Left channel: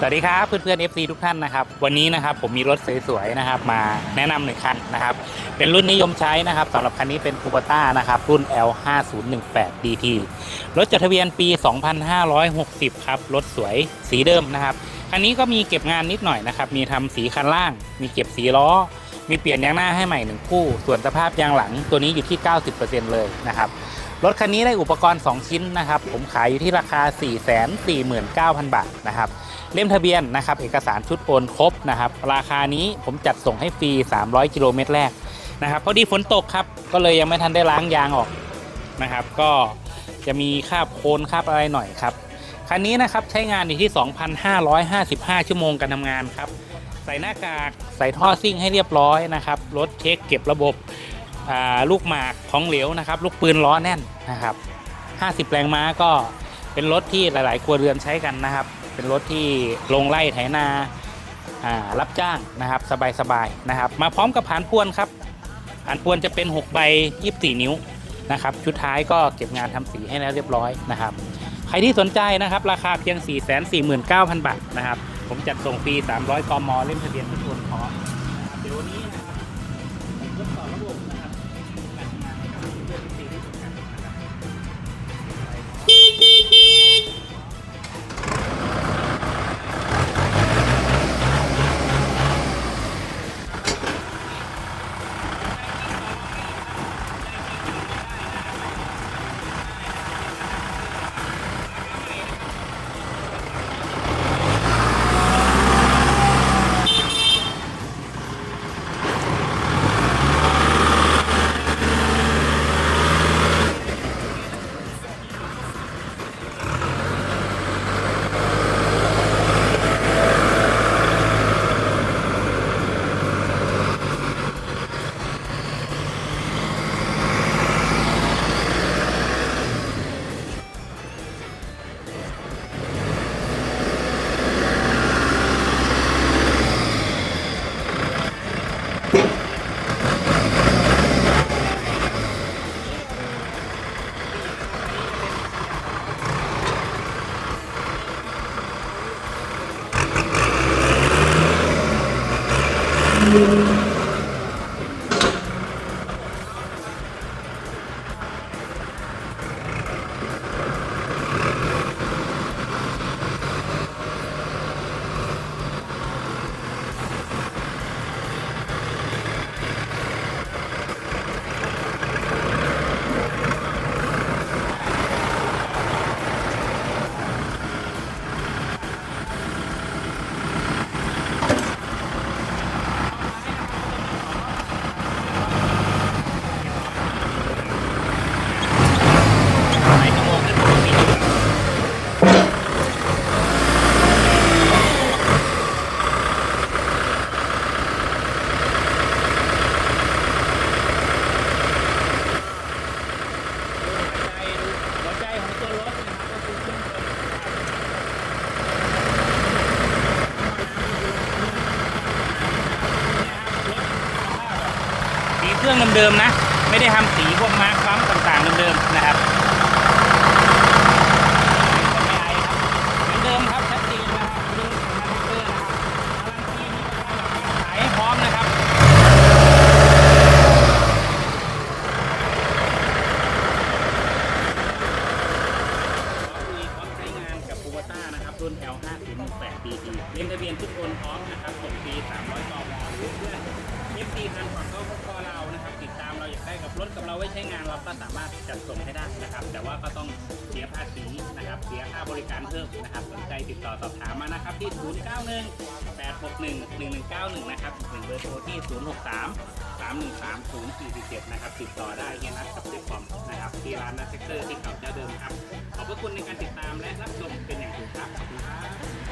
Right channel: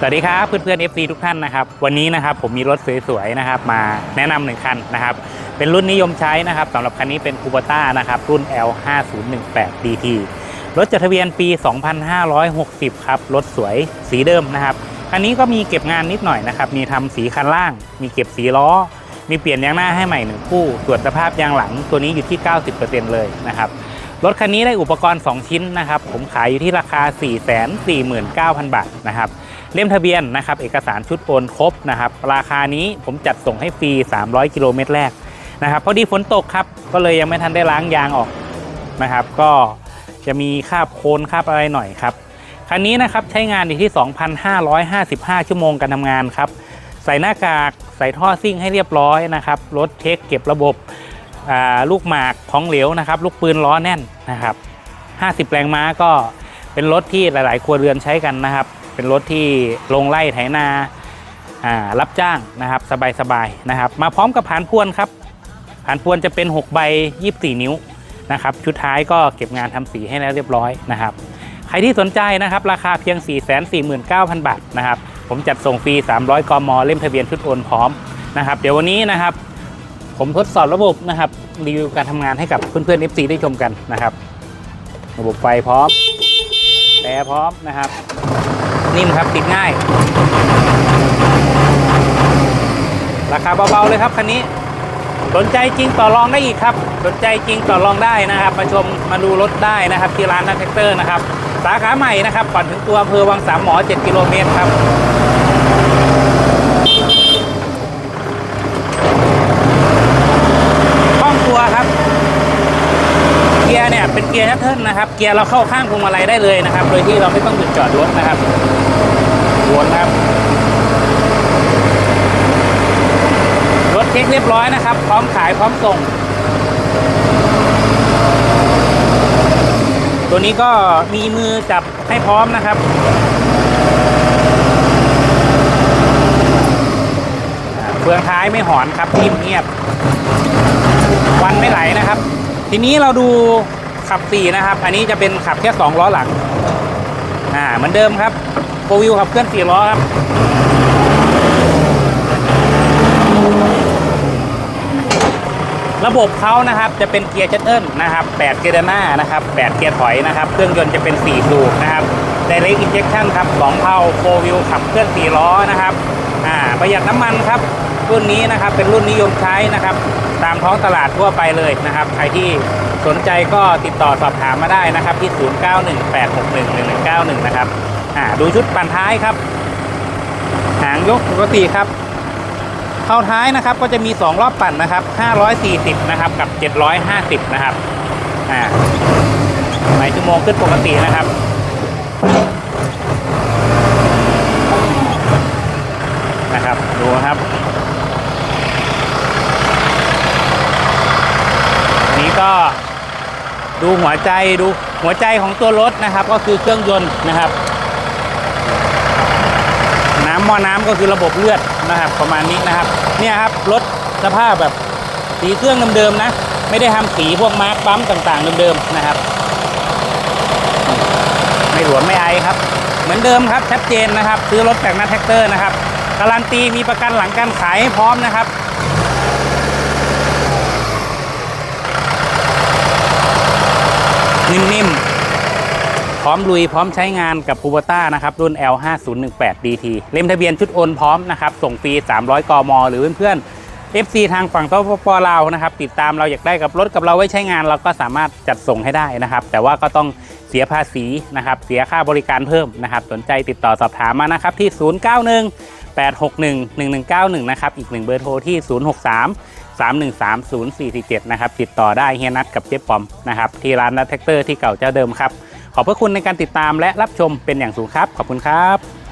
สวัสดีครับเพื่อนๆ FC ทุกท่านนะครับ วันนี้นะครับผมมีรถสวยๆนะครับ มาแนะนำหนึ่งคันนะครับ เป็นรุ่นนิยมใช้นะครับสำหรับคันนี้เป็น c u b a t a นะครับ รุ่น L5018 DT รถจดทะเบียนปี 2560 ครับ รถสวยสีเดิมนะครับ คันนี้ก็มีเก็บงานนิดหน่อยนะครับ มีทำสีคันล่าง มีเก็บสีล้อ มีเปลี่ยนยางหน้าให้ใหม่หนึ่งคู่ ตรวจสภาพยางหลังตัวนี้อยู่ที่ 90%เลยนะครับ รถคันนี้ได้อุปกรณ์ 2 ชิ้นนะครับ ผมขายอยู่ที่ราคา 449,000 บาทนะครับ เล่มทะเบียนนะครับ เอกสารชุดโอนครบนะครับ ราคานี้ผมจัดส่งให้ฟรี 300 กิโลเมตรแรกนะครับพอดีฝนตกครับ ก็เลยยังไม่ทันได้ล้างยางออกนะครับ ก็จะมีคราบโคลนคราบอะไรหน่อยครับ คันนี้นะครับใช้งานอยู่ที่ 2,555 ชั่วโมงการทำงานครับ ใส่หน้ากาก ใส่ท่อซิ่งให้เรียบร้อยนะครับ รถเช็คเก็บระบบ ลูกหมากของเหลวนะครับ ลูกปืนล้อแน่นนะครับ 50 แรงม้าก็เป็นรถที่หลาย ๆ ครัวเรือนใช้กันนะครับ เป็นรถที่ลงไล่ไถนารับจ้างนะครับ สบาย ๆ นะครับ มาพร้อมกับผานพวนครับผานพวนจะเป็น 6 ใบ 24 นิ้วนะครับ ชุดท้ายก็เก็บงานทำสีให้แล้วเรียบร้อยนะครับ ใครที่สนใจนะครับ ราคาเพียง 449,000 บาทนะครับ ผมจัดส่งฟรี 300 กม เล่มทะเบียนชุดโอนพร้อมนะครับ เดี๋ยววันนี้นะครับ ผมทดสอบระบบนะครับรีวิวการทำงานให้กับเพื่อนๆ FC ได้ชมกันนะครับ ระบบไฟพร้อมแอร์พร้อมนะครับ นิ่มครับติดง่าย ราคาเบาๆเลยครับคันนี้สนใจจริงต่อรองได้อีกครับ สนใจจริงต่อรองได้นะครับ มาชมมาดูรถได้นะครับ ที่ร้านนัทแท็กเตอร์นะครับ สาขาใหม่นะครับก่อนถึงตัวอำเภอวังสามหมอ 7 กิโลเมตรครับ คล่องตัวครับ เป็นเกียร์ชัตเทิลนะครับ เกียร์เราเข้าข้างพวงมาลัยได้เลยนะครับ โดยที่เราไม่ต้องหยุดจอดรถนะครับวนครับ รถเช็คเรียบร้อยนะครับ พร้อมขายพร้อมส่ง ตัวนี้ก็มีมือจับให้พร้อมนะครับเฟืองท้ายไม่หอนครับนิ่มเงียบ วันไม่ไหลนะครับ ทีนี้เราดู ขับสี่นะครับ อันนี้จะเป็นขับแค่สองล้อหลัง อ่าเหมือนเดิมครับโฟวิวขับเคลื่อนสี่ล้อครับ ระบบเขานะครับจะเป็นเกียร์ชัตเทิลนะครับ8เกียร์ด้านหน้านะครับ8เกียร์ถอยนะครับ เครื่องยนต์จะเป็น4สูบนะครับ Direct Injection ครับ2เท่า4 Wheel ขับเคลื่อน4ล้อนะครับ อ่าประหยัดน้ำมันครับ รุ่นนี้นะครับเป็นรุ่นนิยมใช้นะครับ ตามท้องตลาดทั่วไปเลยนะครับ ใครที่สนใจก็ติดต่อสอบถามมาได้นะครับที่ 0918611191 นะครับอ่าดูชุดปั่นท้ายครับ หางยกปกติครับเข้าท้ายนะครับก็จะมี 2 รอบปั่นนะครับ 540 นะครับ กับ 750 นะครับอ่าในชั่วโมงขึ้นปกตินะครับนะครับ ดูครับ อันนี้ก็ ดูหัวใจดูหัวใจของตัวรถนะครับ ก็คือเครื่องยนต์นะครับ น้ำหม้อน้ำก็คือระบบเลือดนะครับ ประมาณนี้นะครับ เนี่ยครับรถสภาพแบบสีเครื่องเดิมๆนะ ไม่ได้ทำสีพวกมาร์คปั๊มต่างๆเดิมๆนะครับไม่หลวมไม่ไอครับ เหมือนเดิมครับชัดเจนนะครับ ซื้อรถจากนัทแท็กเตอร์นะครับการันตีมีประกันหลังการขายพร้อมนะครับ นิ่มๆ พร้อมลุยพร้อมใช้งานกับ c u b a t a นะครับ รุ่น L5018 DT เล่มทะเบียนชุดโอนพร้อมนะครับ ส่งฟรี 300 กม หรือเพื่อนๆ FC ทางฝั่งสปปลาวนะครับ ติดตามเราอยากได้กับรถกับเราไว้ใช้งาน เราก็สามารถจัดส่งให้ได้นะครับ แต่ว่าก็ต้องเสียภาษีนะครับ เสียค่าบริการเพิ่มนะครับ สนใจติดต่อสอบถามมานะครับที่ 091 861 1191 นะครับ อีกหนึ่งเบอร์โทรที่ 063 3130447นะครับติดต่อได้เฮียนัทกับเจ๊ปอมนะครับที่ร้านนัทแท็กเตอร์ที่เก่าเจ้าเดิมครับขอบพระคุณในการติดตามและรับชมเป็นอย่างสูงครับ ขอบคุณครับ